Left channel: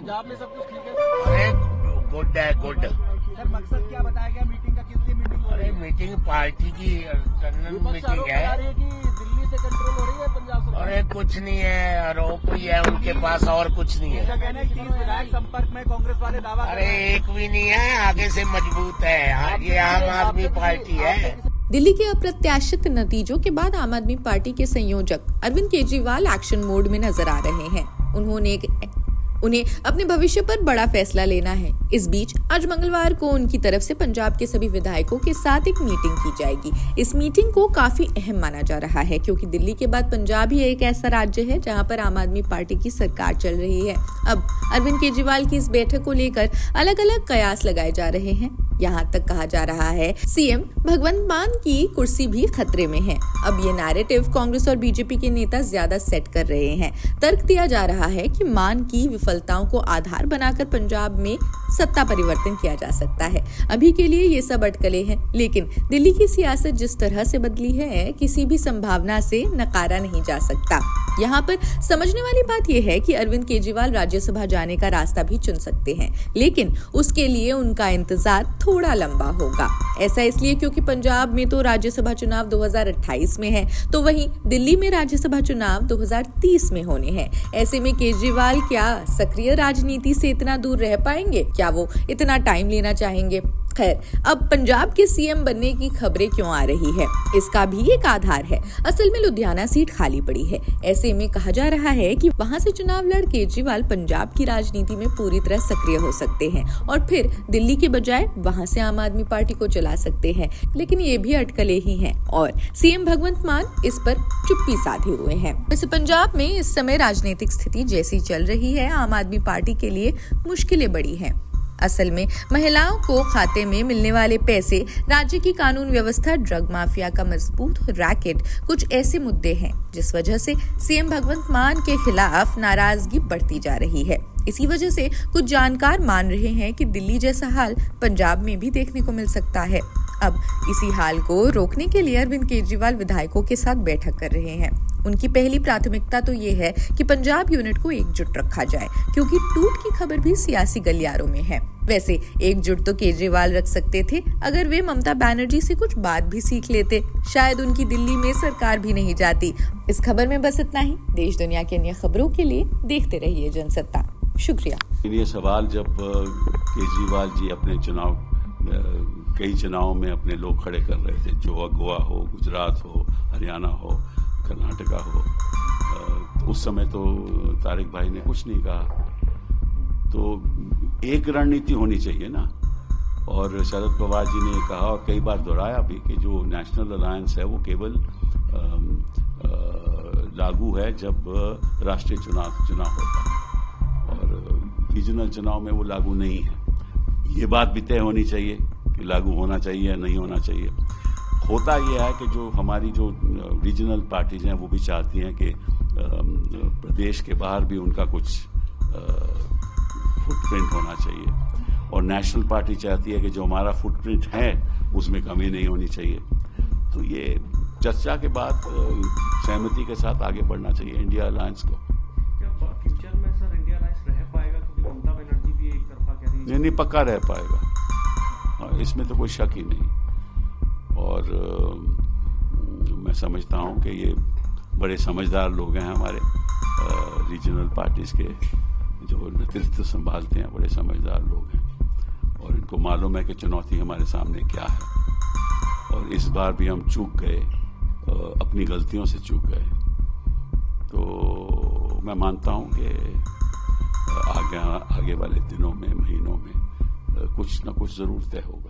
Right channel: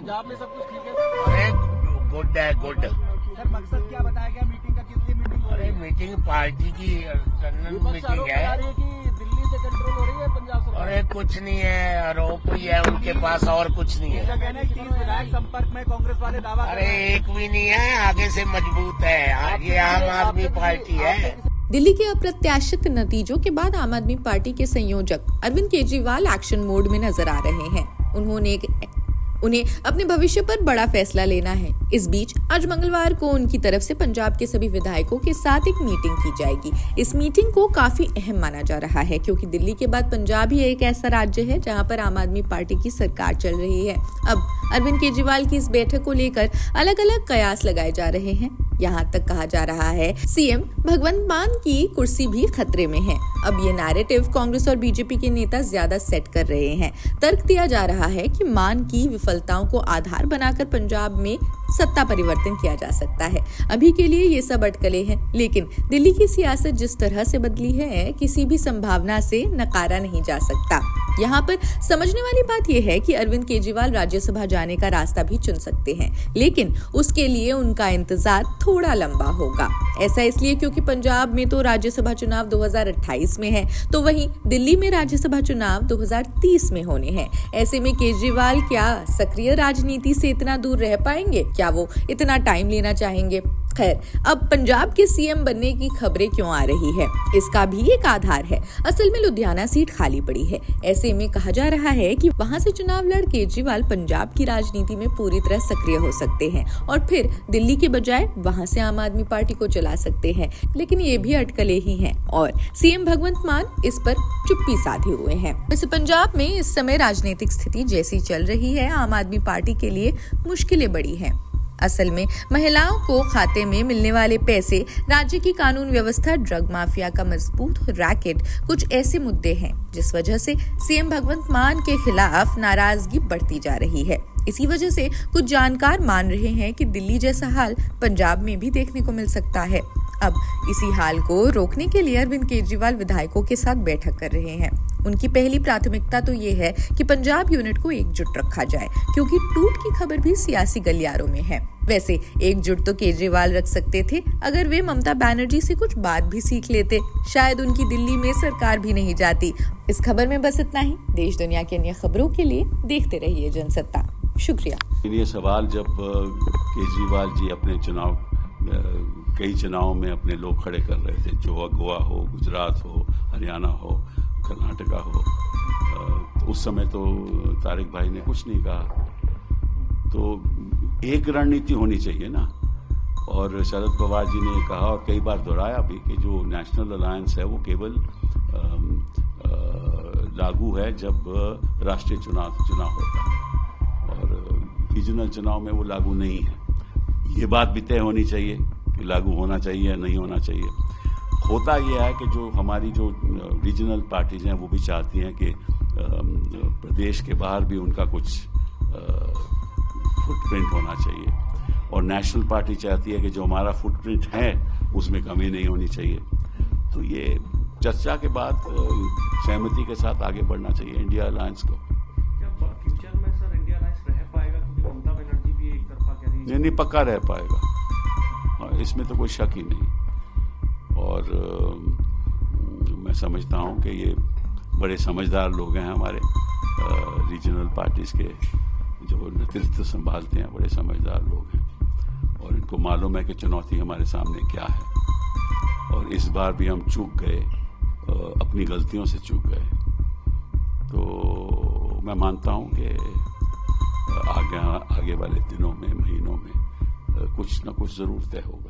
पंजाब में सब कुछ ठीक है सर? अरे गुड है, गुड। सर मकसद क्या बताया गया मीटिंग का, किस लिए मीटिंग हो रही अरे है? मीटिंग पार्टी की टर्नल विपक्ष मीटिंग आरोप लगा है। रही है कि दिल्ली से कंट्रोल हो रही है पंजाब सरकार। अरे कुछ नहीं है, आरोप ही है उनके पास, और कुछ नहीं उनका है। कहना है 30 विधायक संपर्क में कांग्रेस वाले दावा कर अरे रहे हैं। एक भी नहीं है, आगे से मजबूत है। ये आम आदमी पार्टी है। दिल्ली के अप्रत्याशित नतीजों के बाद आम आदमी पार्टी के संयोजक अरविंद केजरीवाल एक्शन मोड में नजर आ रहे हैं। उन्हें अपने भविष्य पर बड़ा फैसला लेना है। इस बीच आज मंगलवार को उनकी तरफ से पंजाब के सभी विधायकों के साथ एक मीटिंग की जाएगी। इस मीटिंग को काफी अहम माना जा रहा है क्योंकि दिल्ली के बाद पंजाब ही एक ऐसा राज्य है जहां पर आम आदमी पार्टी की सरकार चल रही है। अब अरविंद केजरीवाल की इस बैठक को लेकर अलग अलग कयास लगाए जा रहे हैं। यहाँ तक कहा जा रहा है सीएम भगवंत मान की कुर्सी भी खतरे में है। अब ये नैरेटिव कांग्रेस और बीजेपी के नेता ज्यादा सेट कर रहे हैं। तर्क दिया जा रहा है कि मान की विफलताओं को आधार बनाकर पंजाब में सत्ता परिवर्तन किया जा सकता है। अभी के लिए ये सब अटकलें हैं, लेकिन दिल्ली की सियासत जिस तरह से बदली है, किसी भी संभावना से नकारा नहीं जा सकता। यहाँ पर समझने वाली बात यह है कि अरविंद केजरीवाल राज्यसभा जाने का रास्ता भी चुन सकते हैं, लेकिन उसके लिए उनका इंतजार थोड़ा लंबा होगा। ऐसा इसलिए क्योंकि पंजाब में तो राज्यसभा चुनाव 2028 में है, तो वहीं दिल्ली में राज्यसभा चुनाव 2030 में होने हैं। ऐसे में केजरीवाल क्या सक्रिय राजनीति से इतना दूर रह पाएंगे? क्या वो इतना टाइम लेना चाहेंगे? खैर, अब पंजाब के सीएम बनने की खबरें क्यों आ रही है, इसका भी एक आधार है। असल में लुधियाना सीट खाली पड़ी है। ऐसे में कहा जा रहा है कि वहां से चुनाव लड़ केजरीवाल पंजाब की राजनीति में पूरी तरह सक्रिय हो सकते हैं और फिर दिल्ली के बजाय वहां से आम आदमी पार्टी को चला सकते हैं। लेकिन ये भी अटकलें ही हैं और सीएम भगवंत मान इस पर चुप्पी साधे हुए हैं। वैसे पंजाब में इस समय राजनीतिक स्थिति जैसी चल रही है, आम आदमी पार्टी के लिए मुश्किलें बड़ी हैं। असल में महिलाओं को खाते में मिलने वाले पैसे, राज्य की कानून व्यवस्था, ड्रग माफिया का मजबूत रैकेट, कुछ ऐसे मुद्दे हैं जिस वजह से सीएम भगवंत मान के खिलाफ नाराजगी बढ़ती जा रही है। इसी वजह से कुछ जानकार मान रहे हैं कि दिल्ली जैसा हाल पंजाब में भी देखने को मिल सकता है। अब इसी हाल को रोकने के लिए अरविंद केजरीवाल विधायकों के साथ बैठक कर रहे हैं। उनकी पहली प्राथमिकता तो ये है कि पंजाब यूनिट को एकजुट रखा जाए, क्योंकि टूट की खबर भी सियासी गलियारों में है। वैसे एकजुट तो केजरीवाल रख सकते थे अगर वे ममता बनर्जी से कुछ बात भी सीख लेते। शायद उनकी दिल्ली में सरकार भी नहीं जाती। इस खबर में बस इतना ही। देश दुनिया की अन्य खबरों के लिए देखते रहिए जनसत्ता। शुक्रिया। ये सवाल जब केजरीवाल जी अपने कई चुनावों में अपने लोग खड़े कर रहे थे, जो गोवा हो, गुजरात हो, हरियाणा हो, कर्नाटका हो, तो उस समय तो तारिक भाई ने कुछ नहीं कहा। तो एक रणनीति होनी चाहिए ना। और शरद पवार जी ने कहा और कई बार दोहराया भी कि जो नेशनल अलायंस है वो केवल लागू है जब राष्ट्रीय चुनाव होता है और रीजनल चुनाव में वो लागू नहीं है। ये बात भी तय होनी चाहिए कि लागू होना चाहिए या नहीं होना चाहिए। होता यह है कि जो हमारी जो रीजनल पार्टीज हैं वो भी चाहती हैं कि प्रदेश के बाहर भी उनका कुछ फुटप्रिंट होना चाहिए और नेशनल पार्टी चाहती है कि जो हमारा फुटप्रिंट है उसमें कमी नहीं होनी चाहिए। तो ये चर्चा के बाद सहमति के साथ आगे बढ़ना चाहिए इंडिया अलायंस को। क्या फ्यूचर में सर इंडिया अलायंस रह पाएगा, क्योंकि ममता बनर्जी भी एक तरफा कह रही है? नहीं, पक्का रह पाएगा, इसमें तो कोई शक ही नहीं। और मैं समझता हूं कि ये बड़े समझदार लोग हैं हमारे रीजनल पार्टीज के, जो नेतृत्व संभालते हैं, बड़े समझदार लोग हैं और इनको मालूम है कि चुनौती हमारे सामने क्या है। और इस बार भी हम चूक गए, अपनी गलतियों से चूक गए। तो मैं मानता हूं कि आगे वाले दिनों में, महीनों में कुछ न कुछ जरूर तय होगा।